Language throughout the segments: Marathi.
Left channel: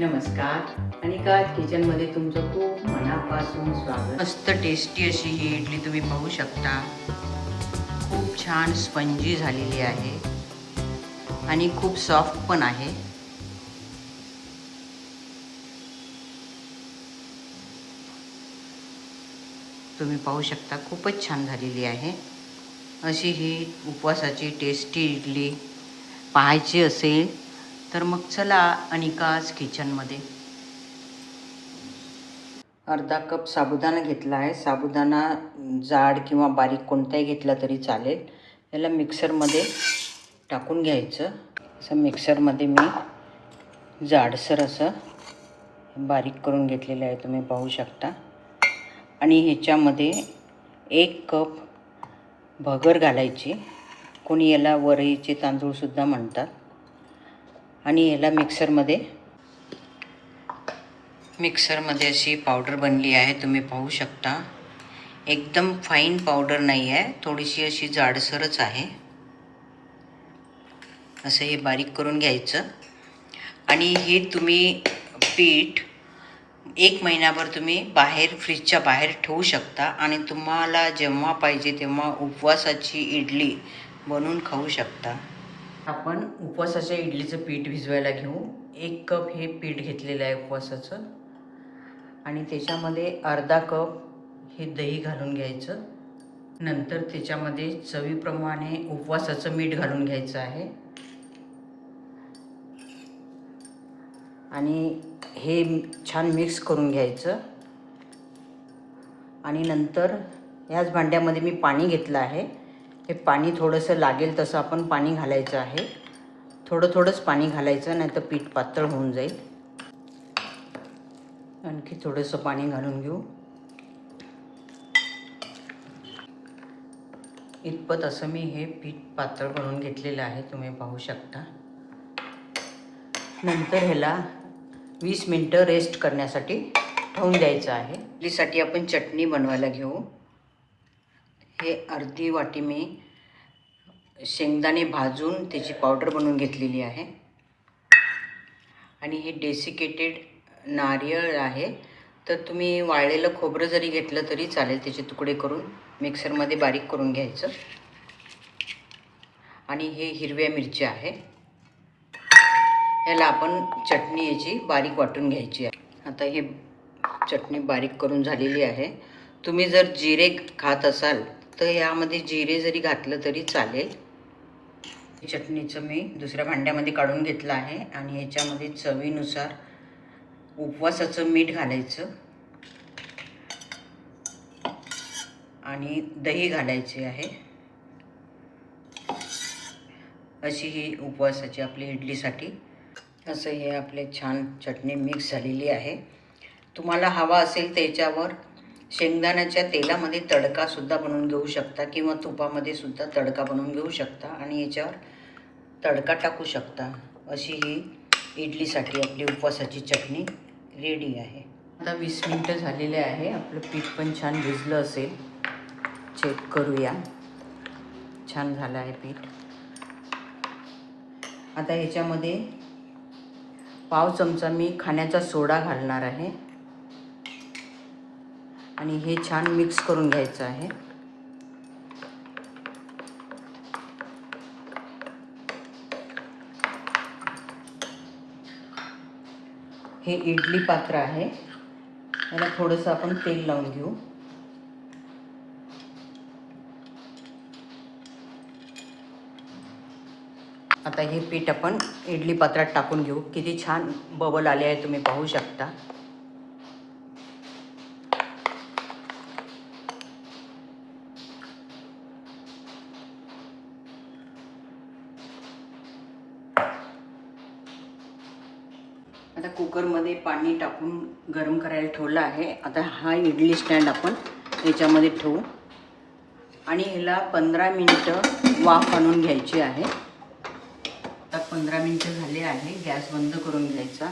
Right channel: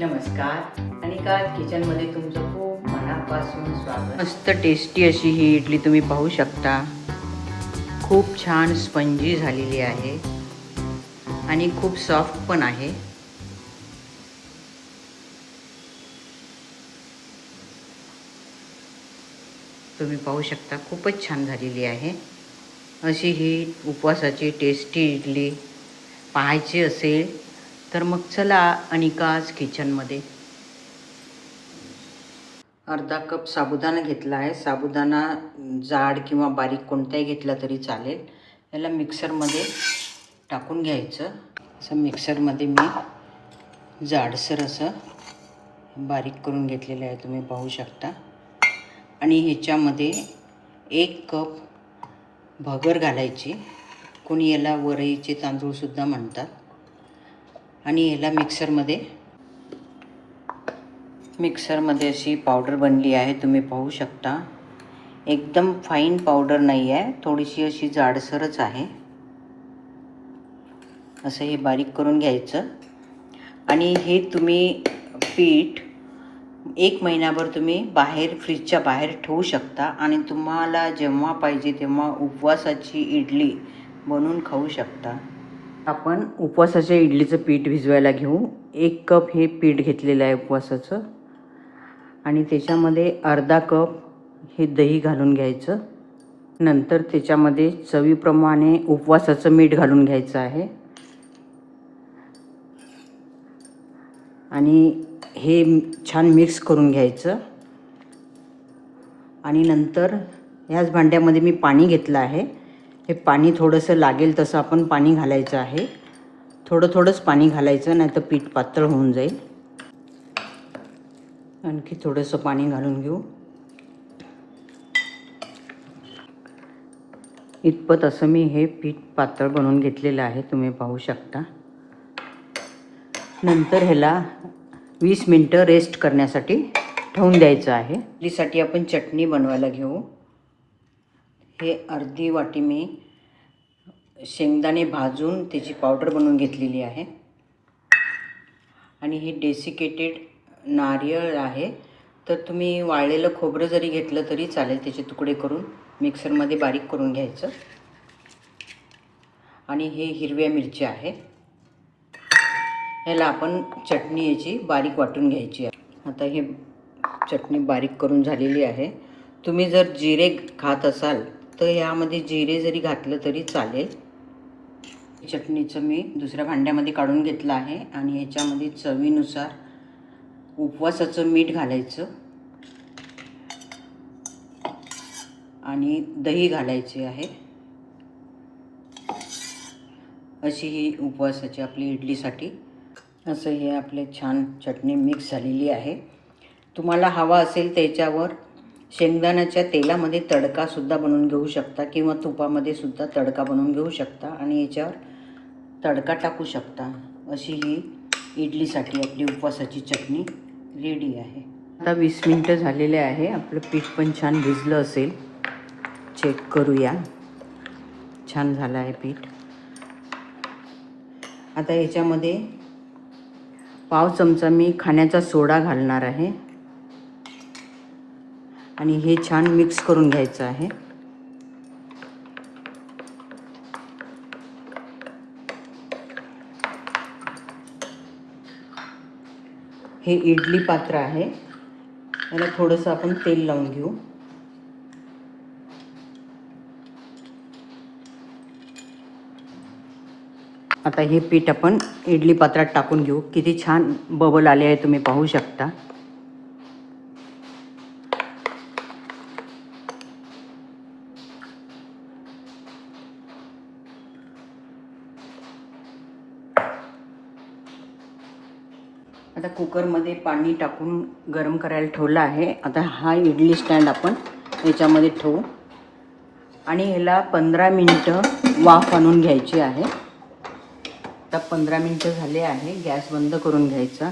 नमस्कार, अनिका किचनमध्ये तुमचं खूप मनापासून स्वागत। मस्त टेस्टी अशी ही इडली तुम्ही पाहू शकता। खूप छान स्पंजी झालेली आहे आणि खूप सॉफ्ट पण आहे। तुम्ही पाहू शकता खूपच छान झालेली आहे। अशी ही उपवासाची टेस्टी इडली पाहायची असेल तर मग चला अनिकाज किचनमध्ये। अर्धा कप साबुदाणा घेतला आहे। साबुदाणा जाड किंवा बारीक कोणताही घेतला तरी चालेल। याला मिक्सरमध्ये टाकून घ्यायचं। असं मिक्सरमध्ये मी जाडसर असं बारीक करून घेतलेलं आहे, तुम्ही पाहू शकता। आणि ह्याच्यामध्ये 1 कप भगर घालायची। कोणी याला वरईचे तांदूळसुद्धा म्हणतात। आणि याला मिक्सरमध्ये अशी पावडर बनली आहे, तुम्ही पाहू शकता। एकदम फाईन पावडर नाही आहे, थोडीशी अशी जाडसरच आहे। असं हे बारीक करून घ्यायचं। आणि हे तुम्ही पीठ 1 महिनाभर तुम्ही बाहेर फ्रीजच्या बाहेर ठेवू शकता आणि तुम्हाला जेव्हा पाहिजे तेव्हा उपवासाची इडली बनवून खाऊ शकता। आपण उपवासाच्या इडलीचं पीठ भिजवायला घेऊ। 1 कप हे पीठ घेतलेलं आहे उपवासाचं आणि त्याच्यामध्ये अर्धा कप हे दही घालून घ्यायचं। नंतर त्याच्यामध्ये चवीप्रमाणे उपवासाचं मीठ घालून घ्यायचं आहे आणि हे छान मिक्स करून घ्यायचं। आणि नंतर ह्याच भांड्यामध्ये मी पाणी घेतलं आहे। हे पाणी थोडंसं लागेल तसं आपण पाणी घालायचं आहे। थोडंच पाणी घालायचं, नाही तर पीठ पातळ होऊन जाईल। आणखी थोडंसं पाणी घालून घेऊ। इतपत असं मी हे पीठ पातळ बनवून घेतलेलं आहे, तुम्ही पाहू शकता। नंतर ह्याला 20 मिनिटं रेस्ट करण्यासाठी ठेवून द्यायचं आहे। इडलीसाठी आपण चटणी बनवायला घेऊ। हे अर्धी वाटी मी शेंगदाणे भाजून त्याची पावडर बनवून घेतलेली आहे। आणि हे डेसिकेटेड नारळ आहे, तर तुम्ही वाळलेलं खोबरं जरी घेतलं तरी चालेल। त्याचे तुकडे करून मिक्सरमध्ये बारीक करून घ्यायचं। आणि हे हिरव्या मिरच्या आहे, याला आपण चटणी याची बारीक वाटून घ्यायची आहे। आता हे चटणी बारीक करून झालेली आहे। तुम्ही जर जिरे खात असाल तर यामध्ये जिरे जरी घातलं तरी चालेल। चटणीचं मी दुसऱ्या भांड्यामध्ये काढून घेतलं आहे आणि याच्यामध्ये चवीनुसार उपवासाचं मीठ घालायचं आणि दही घालायचे आहे। अशी ही उपवासाची आपली इडलीसाठी असं हे आपले छान चटणी मिक्स झालेली आहे। तुम्हाला हवा असेल त्याच्यावर शेंगदाण्याच्या तेलामध्ये तडकासुद्धा बनवून घेऊ शकता किंवा तुपामध्ये सुद्धा तडका बनवून घेऊ शकता आणि याच्यावर तडका टाकू शकता। अशी ही इडलीसाठी आपली उपवासाची चटणी रेडी आहे। आता 20 मिनिटं झालेले आहे। आपलं पीठ पण छान भिजलं असेल, चेक करूया। छान झालं आहे पीठ। आता याच्यामध्ये पाव चमचा मी खाण्याचा सोडा घालणार आहे आणि हे छान मिक्स करून घ्यायचं आहे। हे इडली पात्र आहे, याला थोडंसं आपण तेल लावून घेऊ। आता हे पीठ आपण इडली पात्रात टाकून घेऊ। किती छान बबल आले आहे, तुम्ही पाहू शकता। आता कुकरमध्ये पाणी टाकून गरम करायला ठेवलं आहे। आता हा इडली स्टँड आपण याच्यामध्ये ठेवू आणि ह्याला 15 मिनिटं वाफ आणून घ्यायची आहे। आता 15 मिनिटं झाले आहे, गॅस बंद करून घ्यायचा।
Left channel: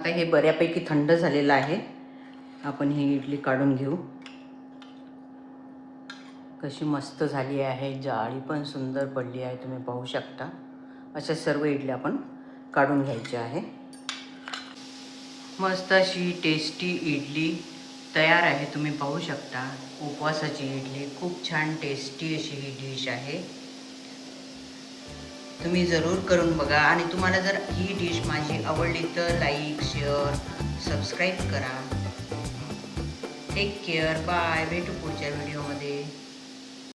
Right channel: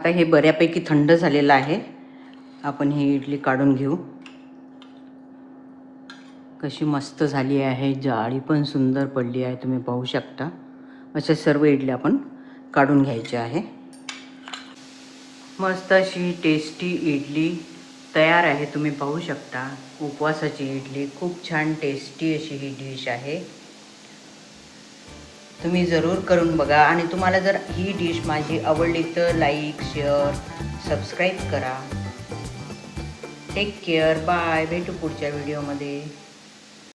आता हे बऱ्यापैकी थंड झालेलं आहे, आपण ही इडली काढून घेऊ। कशी मस्त झाली आहे, जाळी पण सुंदर पडली आहे, तुम्ही पाहू शकता. अशा सर्व इडली आपण काढून घ्यायच्या आहे. मस्त अशी टेस्टी इडली तयार आहे, तुम्ही पाहू शकता. उपवासाची इडली खूप छान टेस्टी अशी ही डिश आहे. तुम्ही जरूर करून बघा आणि तुम्हाला जर ही डिश माझी आवडली तर लाईक, शेअर, सबस्क्राईब करा. Take care, bye. भेटू पुढच्या व्हिडिओमध्ये.